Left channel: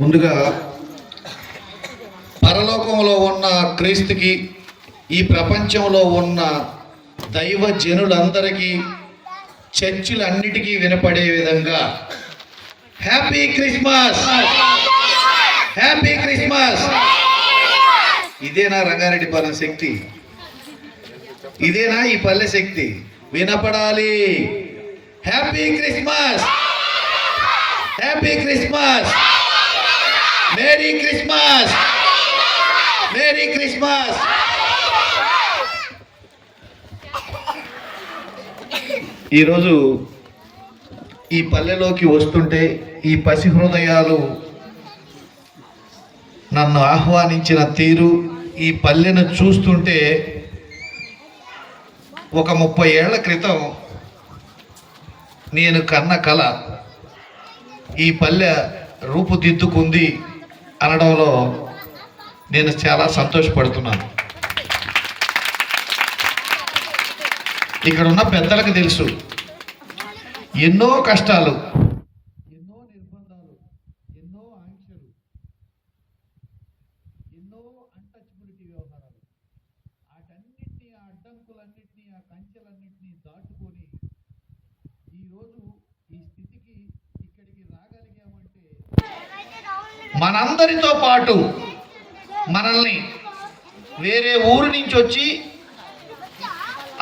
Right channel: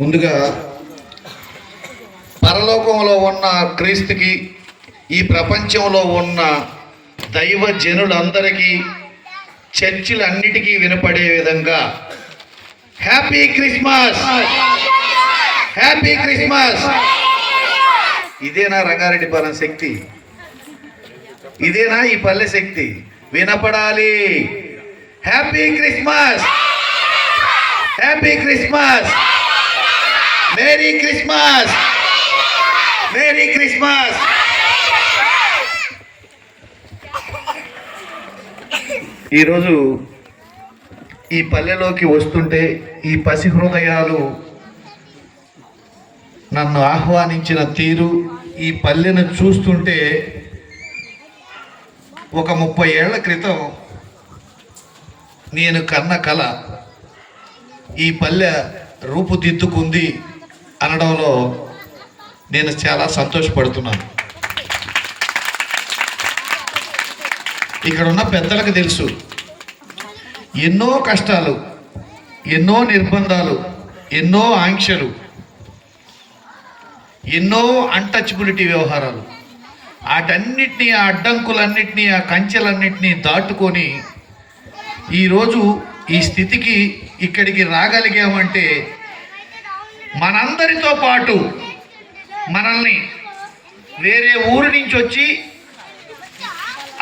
ముందుగా పరలోకంలో ఉన్న క్రీస్తుకి ఈ ప్రపంచంలో ఉన్న దైవ జనులందరికీ చర్చిలన్నిటికీ వినపడే విధంగా హ్యాపీ క్రిస్మస్, హ్యాపీ క్రిస్మస్. ఇదేనా రంగారెడ్డిపాలెం శక్తి? ఇదేనా ఈ పల్లె శక్తి? వినపడాలి. Happy Christmas, happy Christmas, merry Christmas, merry Christmas. ఈరోజు ఈ పల్లెలోకి వస్తుంటే ఈ పసి హృదయాలు నన్ను ఆహ్వానించిన తీరు, ఈ పల్లెను చూస్తుంటే ఒక 30 ఏళ్ల క్రితం నేను కన్న కల ఈ పల్లె రూపుదిద్దుకుంది అనడంలో నేను చాలా సంతోషపడుతున్నాను. ఇక్కడ ఉన్న పెద్దలకు తెలుసు, ఎన్నో కష్టాలు, ఎన్నో నిర్బంధాలు, ఎన్నో ఆంక్షలు, ఎన్నో అన్టచబిలిటీ వ్యవహారాలు, వాటన్నిటినీ, ఆ అడ్డంకులన్నిటినీ, ఆ కంచెలన్నిటినీ దాటుకొని ఈరోజు ఈ స్థితికి ఇక్కడికి రాగలిగామంటే మనందరితో పాటు మనల్ని వేరే ఊరు నుంచి వచ్చి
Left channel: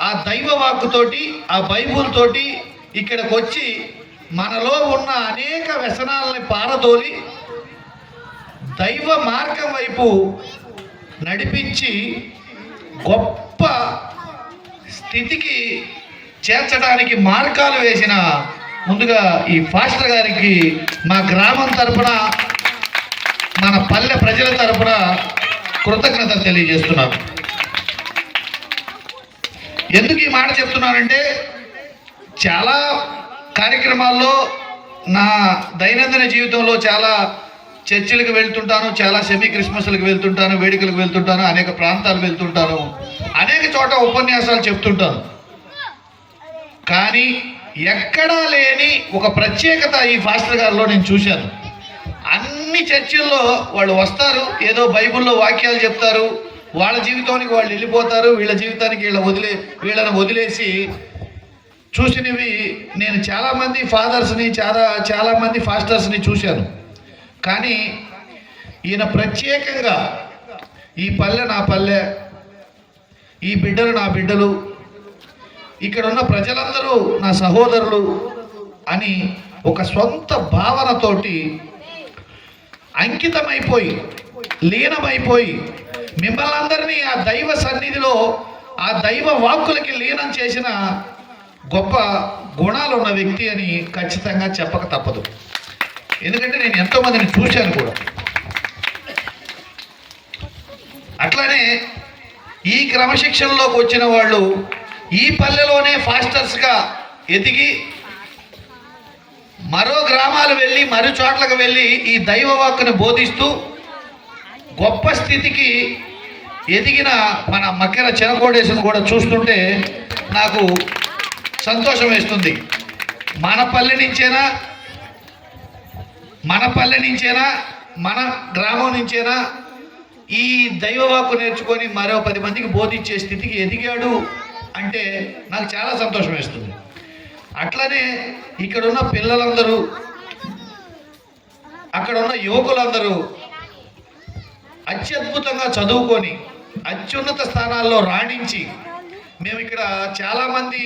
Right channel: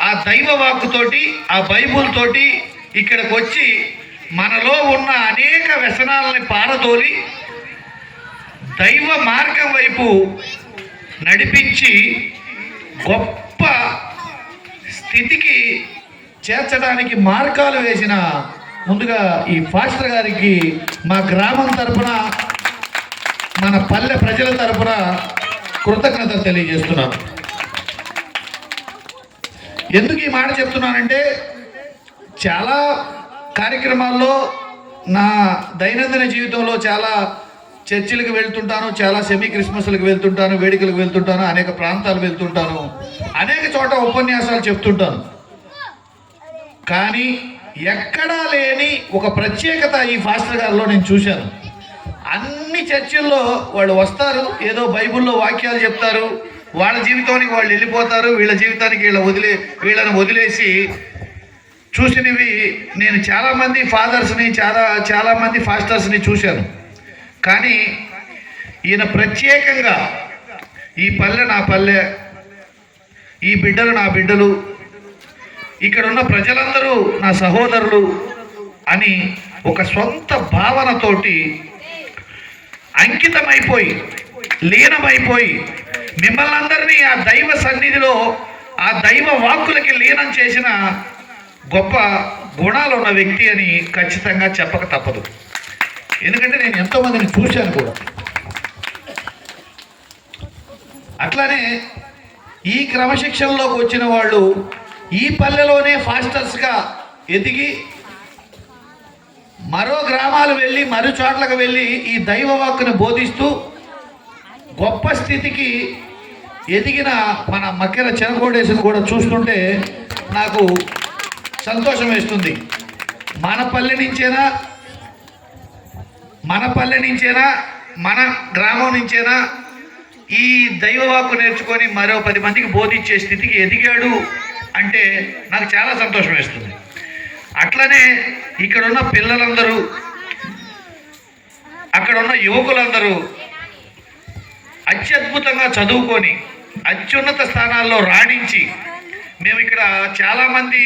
ఆ దైవ వాక్కుతోటి, ఆ బైబుల్ తోటి ఇక్కడికి వచ్చి మనలో ఉన్న అనేక వ్యసనాలని పారదోలి దైవ మార్గం వైపు నడిపించి గొప్ప స్థితికి చేర్చడానికి మార్గాలు వేసిన ముందుగా ఈ ఫాస్టర్ గారికి మా గ్రామం తరపున, మన పల్లె ప్రజల తరపున కృతజ్ఞతలు తెలియజేస్తున్నాను. ఎందుకు ఈ మాట చెప్తున్నానంటే, చాలా కార్యక్రమాల్లో నా దైనందిన జీవితంలో చాలా చర్చిలకు వెళ్తుంటాను, చాలా సెమీ క్రిస్మస్లకు వెళ్తుంటాను, వేడుకలకు వెళ్తుంటాను, అనేక ప్రాంతాలు వెళ్తుంటాను, అనేక చోట ఉపన్యాసాలు చెప్తుంటాను. కానీ ఎక్కడా లేని ఒక ప్రత్యేకత ఈ ఫాస్టర్ గారిలో నేను చూశాను. అన్ని చర్చిల్లో వాళ్ళు వస్తారు, ఏదో బైబిల్లో వాక్యాలు చెప్తారు, వాళ్ళ జీవితానికి వాళ్ళు వెళ్ళిపోతారు, వీళ్ళ జీవితానికి వీళ్ళని వదిలేసి చూసినవి నేను చాలామంది ఫాదర్స్ని, చాలామంది ఫాస్టర్స్ని చూశాను. కానీ ఈయన ప్రత్యేకంగా ఈ పల్లె నా పల్లె, ఈ బిడ్డలు నా బిడ్డలు, ఇక్కడ ఉన్న ప్రజలందరూ నా సహోదరులు అని ఒక సొంత భావనతోటి అంకితమైపోయి, లీనమైపోయి, మిమ్మల్ని అందరినీ ఆ దైవ సన్నిధిలో, ఆ దైవ వాక్కులకి లీనం చేసిన గొప్ప గుణాలు ఉన్న వ్యక్తి అని ఖచ్చితంగా చెప్పక తప్పదు. ఎందుకంటే నేను ఎంతోమందిని చూశాను కూడా. అట్లానే ఈ క్రమశిక్షణలోకి వచ్చిన వాళ్ళు ఈ పల్లెలోనే ఫాస్టర్స్గా ఎదిగి మరో గ్రామాలు వెళ్ళి, మరో చోట్లకు వెళ్ళి ఈ దైవ వాక్కుని బోధిస్తూ గొప్ప స్థితికి ఎదిగిన మన మక్కెర చెనకోడేశను కూడా చూస్తుంటే నాకు సంతోషం వేస్తుంది. మన పల్లె నుంచేనా, మన గ్రామం నుంచేనా ఈ దైవవాక్కు నేర్చుకొని మరో 10 మందికి బోధించే స్థితికి ఎదిగాడు అంటే నాకు చాలా సంతోషం వేస్తుంది. అట్లనే ఇక్కడున్న పిల్లలందరూ, అక్కడున్న యువకులందరూ అత్యద్భుతంగా చదువుకొని అత్యున్నత స్థానాల్లో రాణించి, మేము ఇక్కడ చాలామంది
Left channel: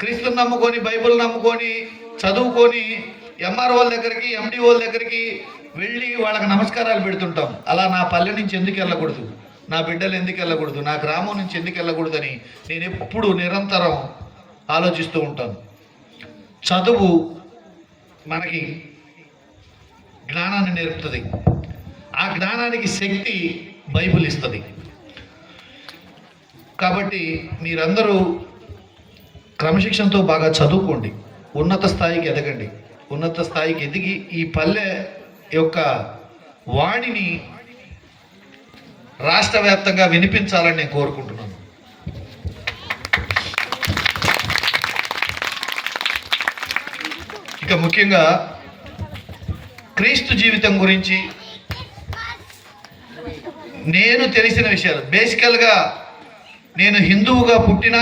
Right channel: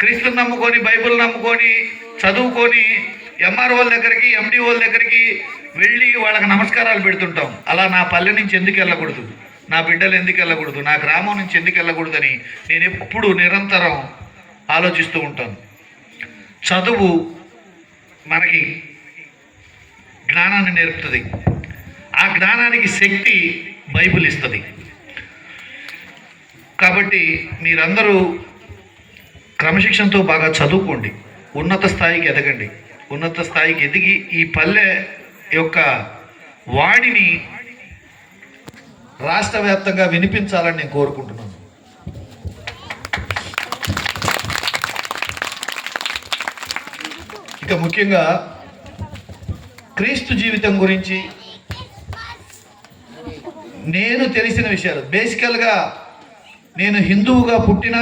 క్రీస్తుని నమ్ముకొని, బైబిల్ నమ్ముకొని, చదువుకొని ఎంఆర్ఓల దగ్గరికి, ఎండిఓల దగ్గరికి వెళ్ళి వాళ్ళకి నమస్కారాలు పెడుతుంటాం. అలా నా పల్లె నుంచి ఎందుకు వెళ్ళకూడదు, నా బిడ్డలు ఎందుకు వెళ్ళకూడదు, నా గ్రామం నుంచి ఎందుకు వెళ్ళకూడదని నేను ఎప్పుడు నిరంతరం ఆలోచిస్తూ ఉంటాను. చదువు మనకి జ్ఞానాన్ని నేర్పుతుంది, ఆ జ్ఞానానికి శక్తి బైబిల్ ఇస్తుంది. కాబట్టి మీరందరూ క్రమశిక్షణతో బాగా చదువుకోండి, ఉన్నత స్థాయికి ఎదగండి. ఉన్నత స్థాయికి ఎదిగి ఈ పల్లె యొక్క వాణిని రాష్ట్ర వ్యాప్తంగా వినిపించాలని నేను కోరుకుంటున్నాను. ఇక ముఖ్యంగా క్రీస్తు జీవితం గురించి నేను తెలిసిన విషయాలు. బేసికల్గా నేను హిందువుగా పుట్టిన,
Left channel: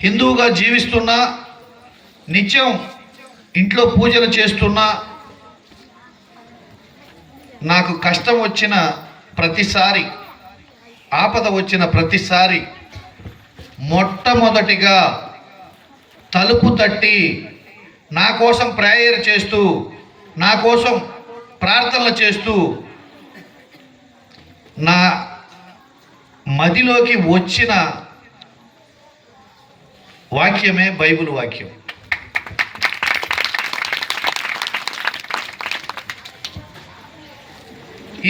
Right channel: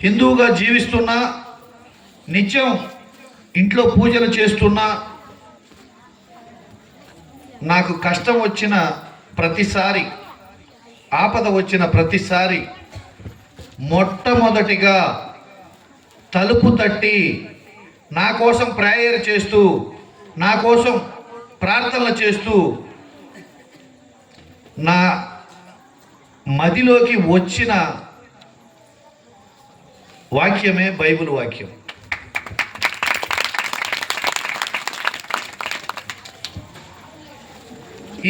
హిందువుగా జీవిస్తున్నా, నిత్యం ఇంట్లో పూజలు చేస్తున్నా, నాకు కష్టం వచ్చిన ప్రతిసారి, ఆపద వచ్చిన ప్రతిసారి మొట్టమొదటిగా తలుపు తట్టి నా కోసం ప్రేయర్ చేస్తూ, నా కోసం ప్రార్థనలు చేస్తూ నా మదిలోకి వచ్చిన వాక్యమే బైబిల్ వాక్యం.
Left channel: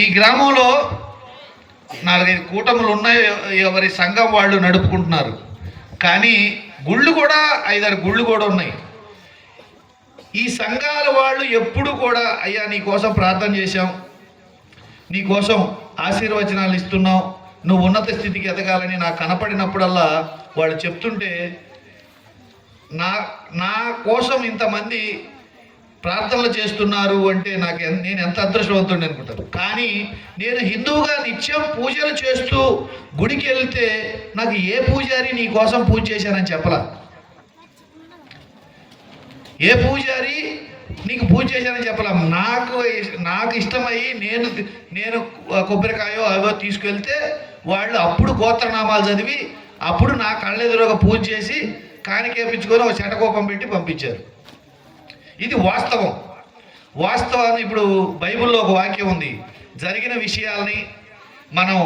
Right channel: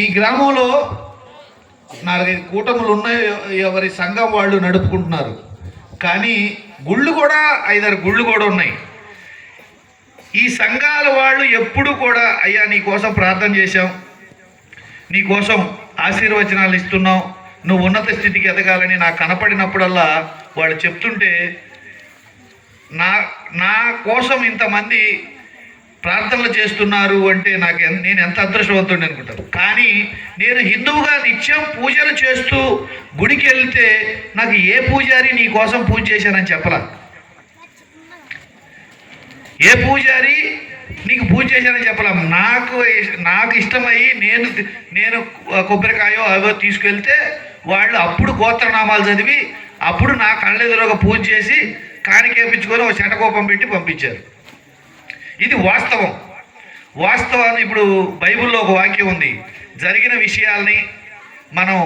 ఈ గ్రామంలో 4-5 కూటములు ఉన్నాయి, ఎవరి సంఘం వాళ్ళు నడుపుకుంటున్నారు. కానీ గుళ్ళు కూడా 5-6 గుళ్ళు కూడా ఉన్నాయి. ఈ సంఘాల వాళ్ళు ఎప్పుడు కూడా, అయ్యా నీ కోసం ప్రార్థన చేశాం, నీ కోసం ఆశీర్వచనాలు ఇస్తున్నాం, నువ్వు ఉన్నత స్థితికి ఎదగాలని నాకు కనపడినప్పుడల్లా వాళ్ళు చెప్తుంటే నా కోసం ఇంతమంది ప్రార్థనలు చేస్తున్నారు అంటే నేను ఎంత అదృష్టవంతుడిని అనుకుంటాను. కానీ నేను హిందువుగా నిత్యం పూజలు చేస్తూ గుడికి వెళ్తే నాకు ఏ పూజారి నీ కోసం పూజ చేశానని చెప్పలా. ఏ పూజారి నీకు పూజ చేశానని చెప్పలా. నాకు ఇష్టమయ్యి నేను కొబ్బరికాయో అవో తీసుకెళ్తే వాళ్ళు అప్పుడు గోత్రనామాలు చదివి అప్పుడు నా కళ్ళెదురుగా పూజ చేసి కానికేపించుకొని ఒక శటకోపం పెట్టి పంపించారు. ఇది వాస్తవాన్ని ఇప్పుడు బైబిల్లో ఒక వాక్యం ఉంది, జరిగిన విషయాల్ని మనం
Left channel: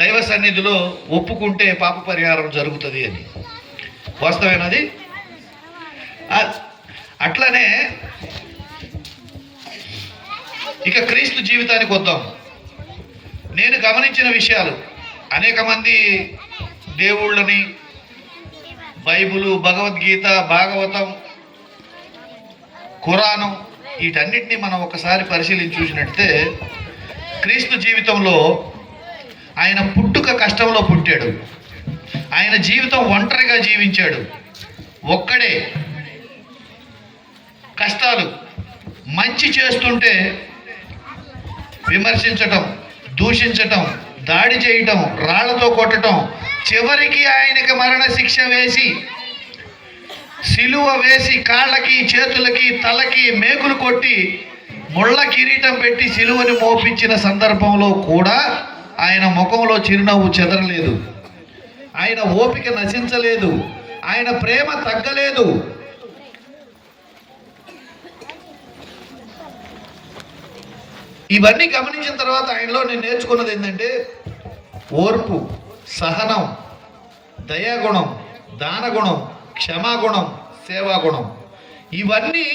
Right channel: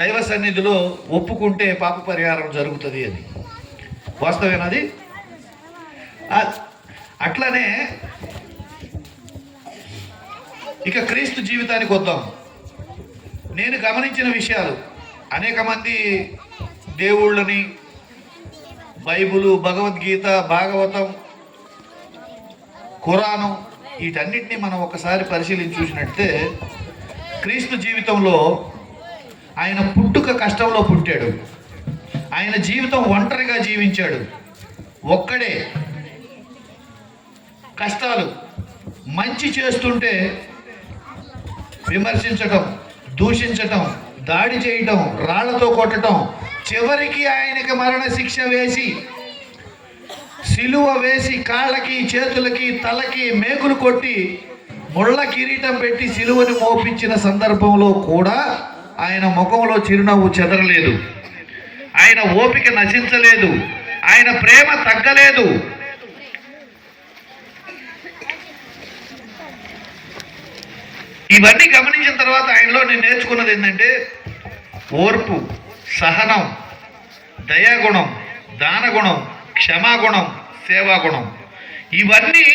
దైవ సన్నిధిలో ఒప్పుకుంటే పాప పరిహారం జరుగుతుంది అని. వాస్తవేనది. అట్లనే ఇక క్రీస్తు జీవితానికి వద్దాం. నేను గమనించిన విషయాలు, అనేక మంది దేవుళ్ళని, బైబిలు, భగవద్గీత, భాగవతం, ఖురాను వీటన్నిటిని మనం ఒకసారి పరిశీలించి చూసినట్టే క్రీస్తు జీవితంలో ఆయన పుట్టుక కష్టంలో పుట్టాడు. ఆయన జీవితం ఒంటరిగా జీవించాడు, ఒక్కడే. కష్టాలు, మంచి చేస్తుంటే విమర్శించటం, దూషించటం, దాడి చేయటం, రాళ్లతో కొట్టడం, చివరికి ఆయనకి మరణ శిక్ష వేసి, సిలువ వేసి, కాళ్ళకి, చేతులకి, తలకి మేకులు కొట్టి, ముళ్ళ కిరీటం పెట్టి సిలువని మోపించిన సందర్భంలో కూడా ఆయన ముఖంలో చిరునవ్వు చెదరలేదు, ఆయన ఓపిక నశించలేదు, ఆయన ప్రేమ తగ్గలేదు. ఇవన్నీ గమనించిన తర్వాత ఆయనలో నేను నేర్చుకున్నది ఏంటంటే ఓర్పు, సహనం, దయాగుణం, దానగుణం, క్షమాగుణం, సేవాగుణం. ఇవన్నీ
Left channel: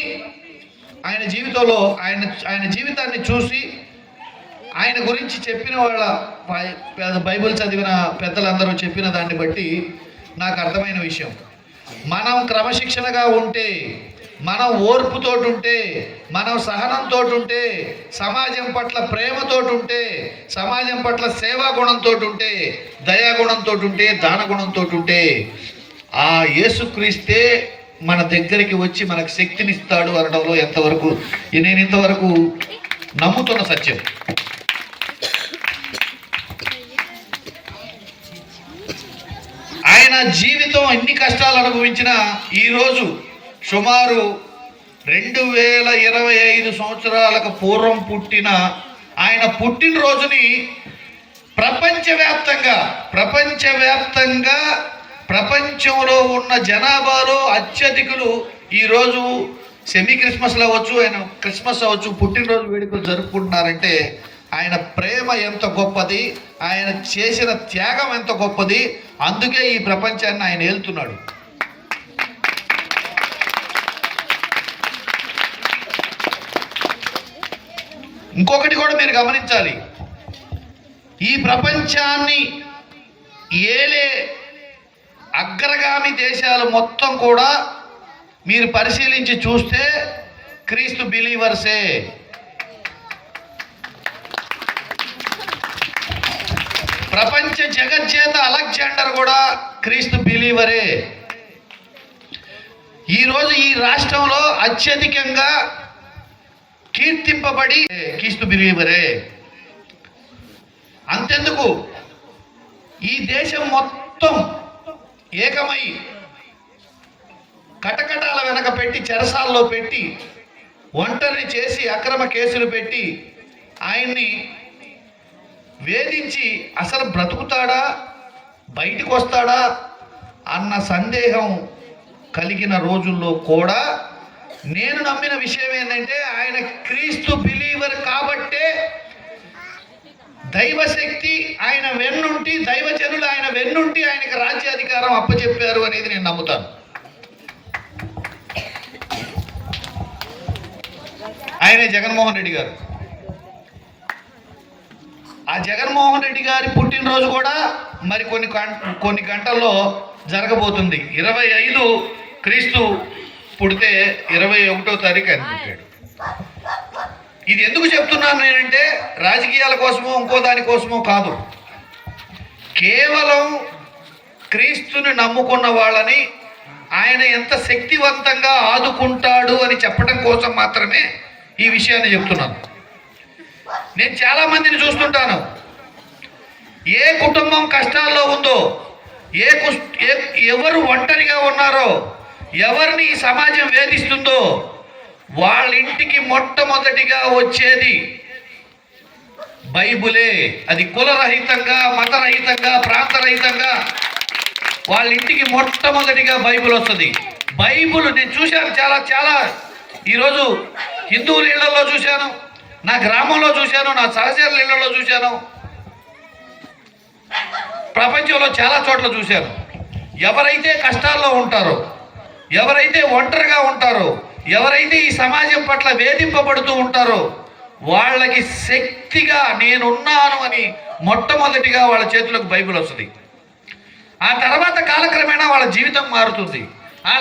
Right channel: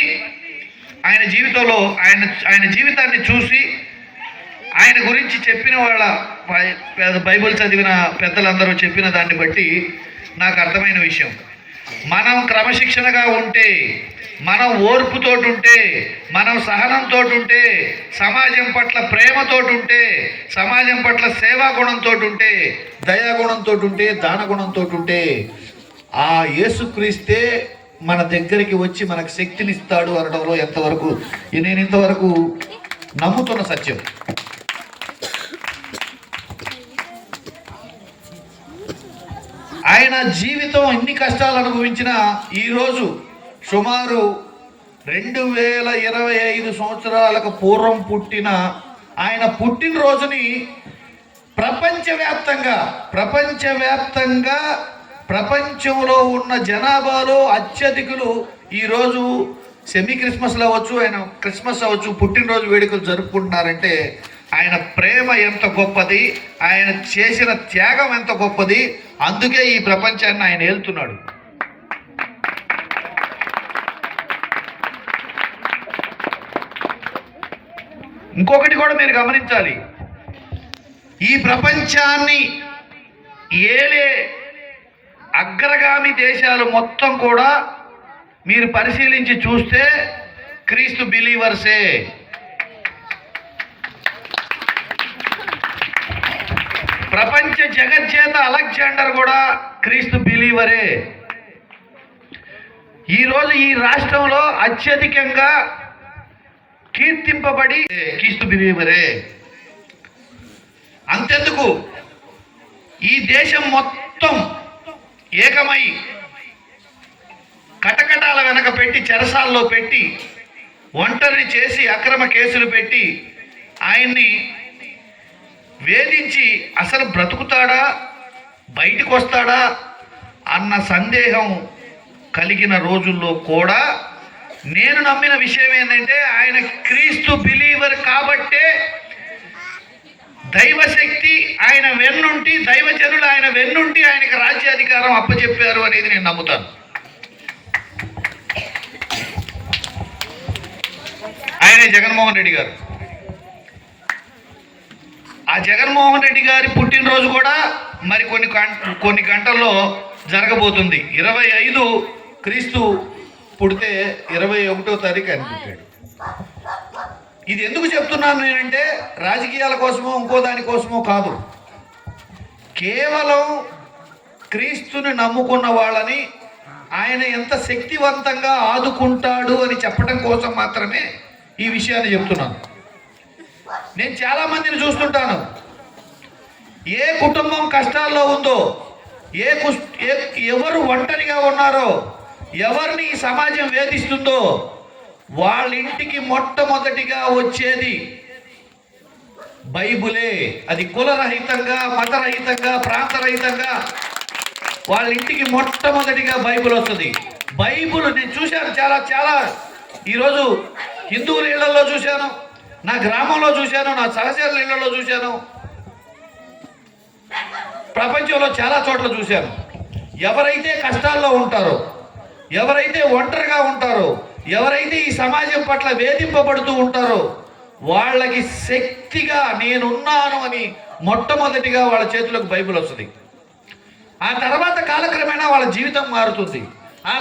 ఆయన జీవితంలో ఆయన జీవితాన్ని చూసి ఆయన గురించి చెప్పిన వాళ్ళ బైబిల్ చదివిన పెద్దలందరూ చెప్పిన దాన్ని బట్టి నాకు అర్థమైన విషయం, మనం క్రమశిక్షణగా ఉంటే, మనం ఓర్పుతోటి ఉంటే, మనం సహనంతో ఉంటే, సమాజం పట్ల ప్రేమతో ఉంటే, సమాజం పట్ల సేవాగుణంతో ఉంటే, దయాగుణంతో ఉంటే, దానగుణంతో ఉంటే, ఆ యేసుక్రీస్తే మన దగ్గరికి వచ్చి మనకు శక్తినిస్తాడు అనడంలో నేను ఇంతవరకు నమ్ముతున్న సత్యం. ఆయన జీవితం ఎన్ని కష్టాలు అనుభవించినా ఈరోజు సుమారు 2025 సంవత్సరాలకు పూర్వం పుట్టిన ఆయన పుట్టినరోజుని ప్రపంచంలో ఉన్న జనాభాలో అత్యధికులు ఈరోజు సెమీ క్రిస్మస్ అవ్వచ్చు, ఆయన క్రిస్మస్ అవ్వచ్చు, పుట్టినరోజు వేడుకలు జరుపుకుంటున్నారంటే ఆయన ప్రేమ ఎంత గొప్పది, ఆయన చేసిన త్యాగం ఎంత గొప్పది. అందుకే ఈ ప్రపంచాన్ని ఆయన ఏలుతున్నాడు. ఇంకొకటి కూడా మీరు గమనించాలి, ఈ ప్రపంచాన్ని ఏలే అగ్రగామి దేశాలు మొత్తం కూడా మీరు పరిశీలించి చూస్తే క్రీస్తు బిలీవర్సే. ప్రపంచ జగజ్జేత అలెగ్జాండర్ కూడా క్రీస్తు బిలీవరే. ఈరోజు ఈ రాష్ట్రంలో అత్యధికంగా కీర్తింపబడి క్రీస్తు బిలీవరే. అంతెందుకు, ఈ దేశం మొత్తం ఏకమై కటకటాల వెనక పెట్టి, చెరసాల్లో పెట్టి, ఒంటరిని చేసి అక్రమ కేసులు పెట్టి ఆయన్ని వేధించి అసలు బ్రతుకుతాడా, బయటికి వస్తాడా అన్న సందేహం కలిగిన రోజుల్లో కూడా నేను నమ్మిన విషయం ఏంటంటే, ఆయన క్రీస్తు బిలీవర్ కాబట్టే దైవశక్తి ఆయన వెన్నుంటి, దైవజనులు ఆయన వెన్నుంటి ఆయనకి రాజ్యాధికారం అప్పచెప్పారు అనేది నేను నమ్ముతాను. ఆయనే జగన్మోహన్ రెడ్డి గారు. ఆ జగన్మోహన్ రెడ్డి గారి పుట్టినరోజు కూడా మరి కొన్ని గంటల్లో జరగబోతుంది. 25 క్రీస్తు పుడితే 21వ తారీఖు ఆయన పుట్టాడు. ఇది ఎందుకు చెప్తున్నాను నేనంటే, రాజకీయాల కోసమో ఇంకో దానికోసమో కాదు, కేవలం క్రీస్తుని నమ్ముకున్న వాళ్ళని ఆయన ఎంత శక్తివంతంగా ఆదుకుంటాడు అని చెప్పడం కోసం మాత్రమే ఈ విషయాన్ని చెప్తున్నాను. నేను చాలామందిని చూస్తుంటాను, ఏ కుటుంబం కష్టాల్లో ఉందో, ఎవరు ఒంటరిగా ఉన్నారో, ఎవరిని ఈ సమాజం వేధిస్తుందో వాళ్ళ ఇంటికి మొట్టమొదటిగా వచ్చేది బైబులే. అది కులరహితంగా, మతరహితంగా, ప్రాంతరహితంగా వాళ్ళ ఇంటికి మొట్టమొదటిగా బైబుల్ వస్తుంది. బైబుల్ నేను చూశాను, చాలా చాలా ఈరోజు హిందువుల ఇళ్లలో చూశాను, నా గ్రామంలో చూశాను, నా సహచరుల ఇళ్లలో చూశాను, ప్రపంచంలో చాలా చోట్ల చూశాను. ఎవరైతే కష్టాల్లో ఉంటారో, ఎవరైతే ఒంటరిగా ఉంటారో, ఎవరైతే ఈ సమాజం పట్ల వేధింపబడుతూ ఉంటారో వాళ్ళకి శక్తిగా నేనున్నాను అని మొట్టమొదటిగా వాళ్ళ చేతులకు బైబిల్ వస్తుంది. ఆ తర్వాత కాలక్రమేణా వాళ్ళ జీవితం మారుతుంది. ఆ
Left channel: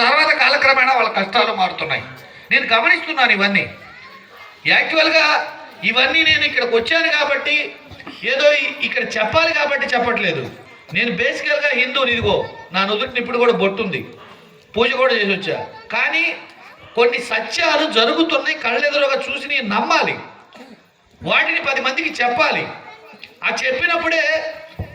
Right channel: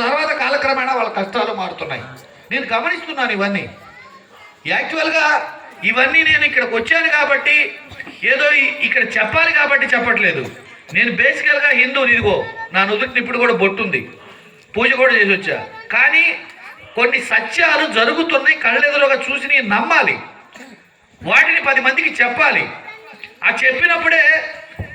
తర్వాత కాలక్రమేణా వాళ్ళ కష్టాలు మారుతున్నాయి. నేను గమనిస్తున్నాను ఇవన్నీ. యాక్చువల్గా ఇవన్నీ నేను ఇక్కడికి వచ్చాను కాబట్టి, ఏదో ఇక్కడ చెప్పాలి కాబట్టి చెప్పట్లేదు. నేను బేసికల్గా హిందువుని. ఇదిగో నా నుదుటిని ఇప్పుడు కూడా బొట్టుంది, పూజ కూడా చేసి వచ్చా. కానీ కొన్ని సత్యాలు జరుగుతున్నాయి, కళ్ళెదురుగా చూసి నేను నమ్మాలి, వాటిని 10 మందికి చెప్పాలి. ఆ చెప్పినప్పుడే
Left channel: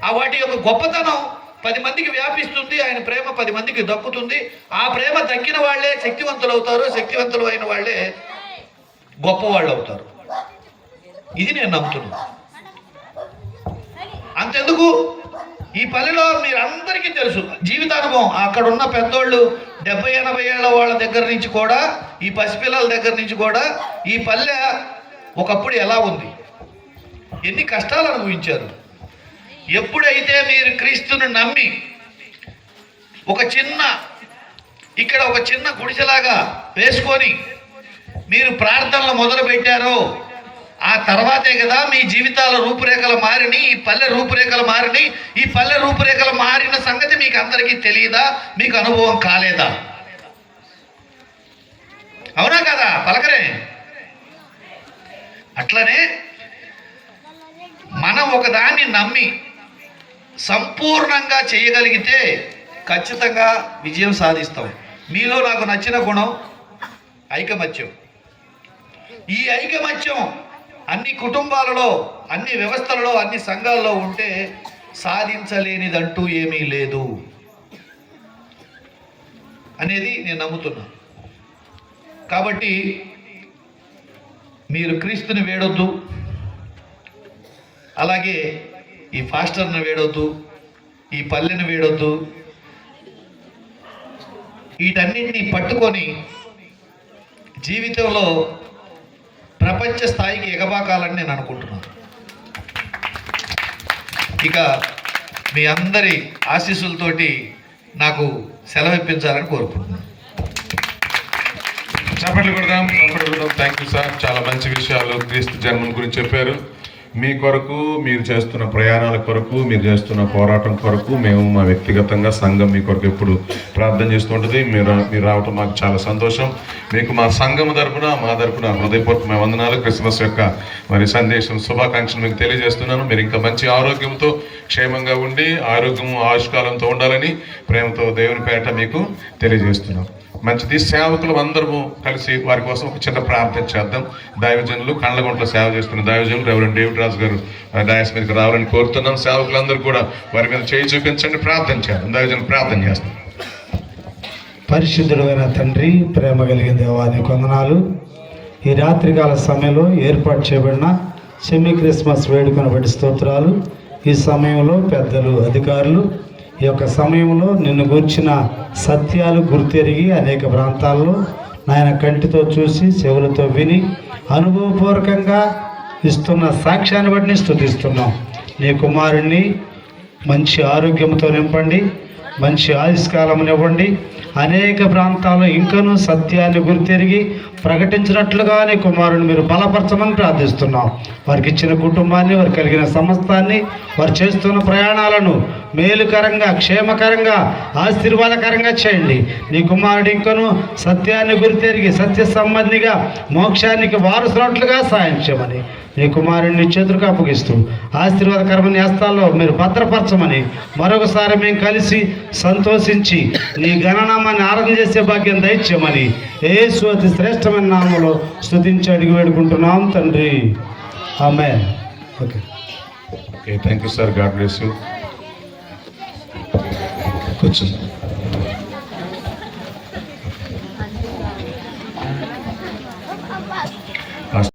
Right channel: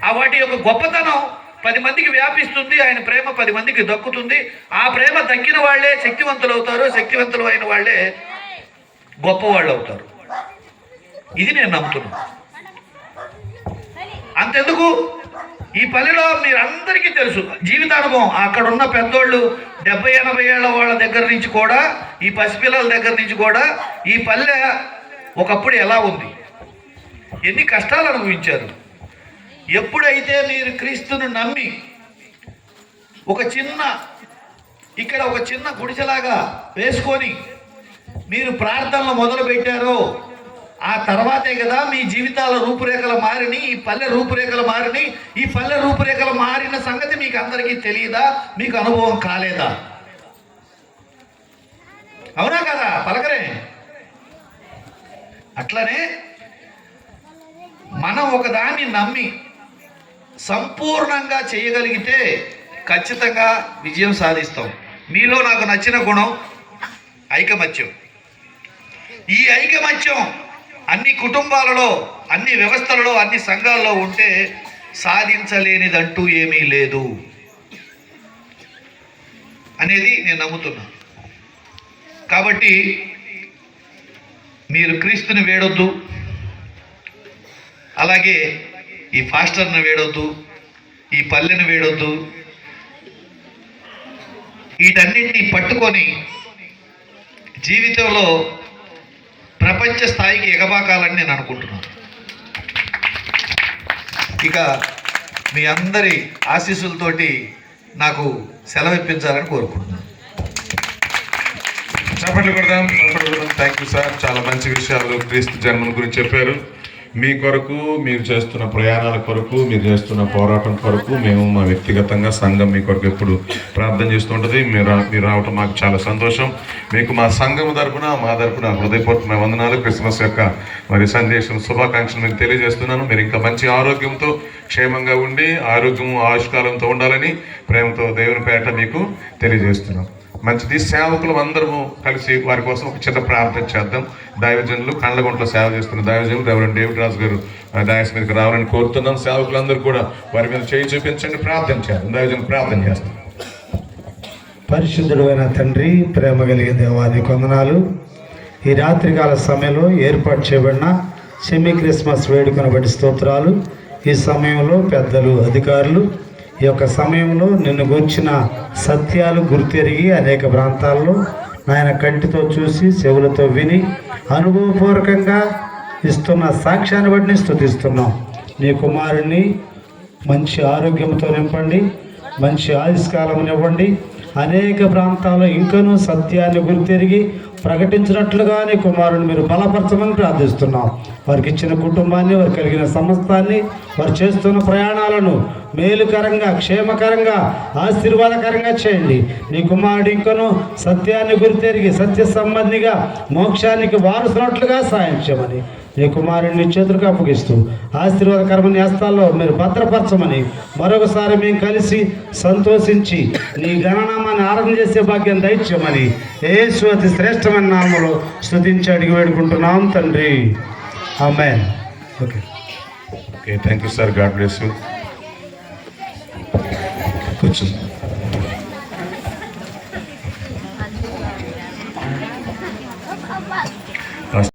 ఆ వాటి యొక్క గొప్పతనం 10 మందికి వ్యాపిస్తుంది, ఆయన ప్రేమ 10 మందికి దక్కుతుంది. ఆ ప్రేమ దక్కిన వాళ్ళే శక్తివంతులు అవుతారు, శక్తివంతులు అయిన వాళ్ళే గొప్పవాళ్ళు అవుతారు. ఇది నేను నమ్ముతున్నాను. అంతెందుకు, ఈ పల్లెలో మీరందరికీ తెలుసు జీవితానుభవం. అక్కడ ఉన్న పెద్దోళ్ళు 70-80 ఏళ్ల వాళ్ళ దగ్గర నుంచి కూడా, ఈ పసిపిల్లల దగ్గర నుంచి కూడా ఈ పల్లె ఒకప్పుడు ఎలా ఉంది, ఎన్ని కష్టాలు అనుభవించారు. ఎప్పుడైతే మీరు క్రీస్తుని నమ్మి ఇక్కడ ఒక చిన్న గుడిసెలాగా వేసుకొని మీరు ప్రార్థనలు మొదలు పెట్టారో, ఆ తర్వాతే కదా మీ జీవితాల రూపురేఖలు మారిని, ఈ పల్లె రూపురేఖలు మారిని. ఈ పల్లె రూపురేఖలు మారిన సంగతి మీకు అందరికీ తెలియదా? మీకు అనుభవం కాలేదా? అవునా కదా? పలకరే. అట్లనే మనం ఒకదాన్ని నమ్మి సంపూర్ణంగా చేయగలిగితే ఖచ్చితంగా విజయం సాధిస్తాం. మీలో నాకు నచ్చిన గుణం ఐకమత్యం. ఈ ఐకమత్యం అన్ని కుటుంబాలలో, అన్ని వ్యవస్థలలో, అన్ని సంఘాల్లో ఉంటే సాధించలేనిదంటూ ఏమీ లేదు అనేది నేను నమ్ముతున్నా. కాబట్టి మీరు క్రీస్తుని వేడొద్దు, అలాగే ఈ ఫాస్టర్ని వేడొద్దు, ఈ పల్లెని వేడొద్దు. వీటన్నిటినీ పట్టుకొని జీవితంలో ప్రపంచ స్థాయికి ఎగబాకాలని నేను అనుకుంటున్నాను. ఇక మీ అందరి ఆశీస్సులతోటి నాకు సెలవు ఇప్పించాలని కోరుకుంటున్నాను. చప్పట్లు కొడదాం. Thank you sir. చాలా మంచి విషయాలు క్రీస్తు జన్మం గురించి చెప్పారు. మీ కొరకు, మీరు చేస్తున్న ప్రయాణాల కొరకు, మీరు చేస్తున్న పోరాటం కొరకు మేము మా వ్యక్తిగతంగా సంఘం మీ కొరకు ఎప్పుడు ప్రార్థన చేస్తుంటుంది. మీరు రావటం మాకు చాలా సంతోషం. మీకు మా సంఘం తరపున, మా తరపున హృదయపూర్వకమైన వందనాలు. క్రిస్మస్ యొక్క మరి సందేశం, శుభాకాంక్షలు మీకు తెలియజేస్తున్నాను. మీరు ఇంకా మంచి ఆరోగ్యంతో, క్షేమంగా ఉండి, ఆరోగ్యము ఆయుష్కాలంతో ఉండాలని ప్రేమతో దేవుని పేట మీకు తెలియజేస్తున్నాం. మంచిది. సేవకులు అందరము కలిసి వారి కోసం ఒక చిన్న ప్రార్థన చేద్దాం. దైవజనులు కండ్లగుంటలో సేవ చేస్తున్న దైవజనులు రెవరెండ్ డేవిడ్ రాజు గారు డయాస్ మీదకి రావాలని కోరుతున్నాం. సేవకులందరూ కూడా వారి మీద చేయి చూపించండి, ప్రార్థన చేద్దాం. దైవజనులు ప్రార్థన చేస్తాం. పరిశుద్ధుడు అయిన తండ్రి, ప్రేమ కలిగిన దేవానికి వందనాలు. ఈ రాత్రికాల సమయంలో ఏర్పాటు చేయబడిన సెమీ క్రిస్మస్ వేడుకను బట్టి స్తోత్రాలు. ఈ సమయంలో పెద్దలు, అధికారులు ఈ యొక్క సమయంలో నిన్ను గూర్చిన సత్యాలు గుర్తెరిగి అనేక ప్రాంతాల్లో నాయన కంటితో చూసి చెవులతో విని అనుభవపూర్వకంగా ఇస్తున్న సాక్ష్యాన్ని బట్టి స్తుతిస్తున్నాం. నీ కుమారుణ్ణి మంచి ఆరోగ్యంతో నింపండి, మంచి ఆయుష్కాలమునివ్వండి. అనేక ప్రాంతాల్లో ఇంకనూ సత్యాన్ని గుర్తెరిగి ప్రకటించినట్లుగా నీ కుమారుని మీరు బలపరచమని ప్రార్థిస్తున్నాం. వారికి ఇచ్చిన కుటుంబాన్ని, వారికి కలిగిన సమస్తాన్ని, వారు చేస్తున్న ప్రయాణాలను మేలుకరంగా, క్షేమకరంగా, ఆశీర్వాదకరంగా చేయండి. నీ కుమారుడు ఇంకనూ సత్యాన్ని గుర్తెరిగి సత్య సంబంధిగా మోక్షానికి వారసున్నట్లుగా సాయం చేయమని నీ కుమారుడిని చేతులకు అప్పగిస్తూ ఆశీర్వాదకరమైన హస్తాల్లో మీరు భద్రపరచమని మరొకసారి మేము కలిసి సంతోషించి నీ గణనామాన్ని ఆరాధన చేసే భాగ్యం దయచేయమని యేసు అతి శ్రేష్టమైన నామములో స్తుతించి అడిగి వేడుకుంటున్నాం తండ్రి. Amen. Okay, thank you sir. God bless you. కూర్చోండి.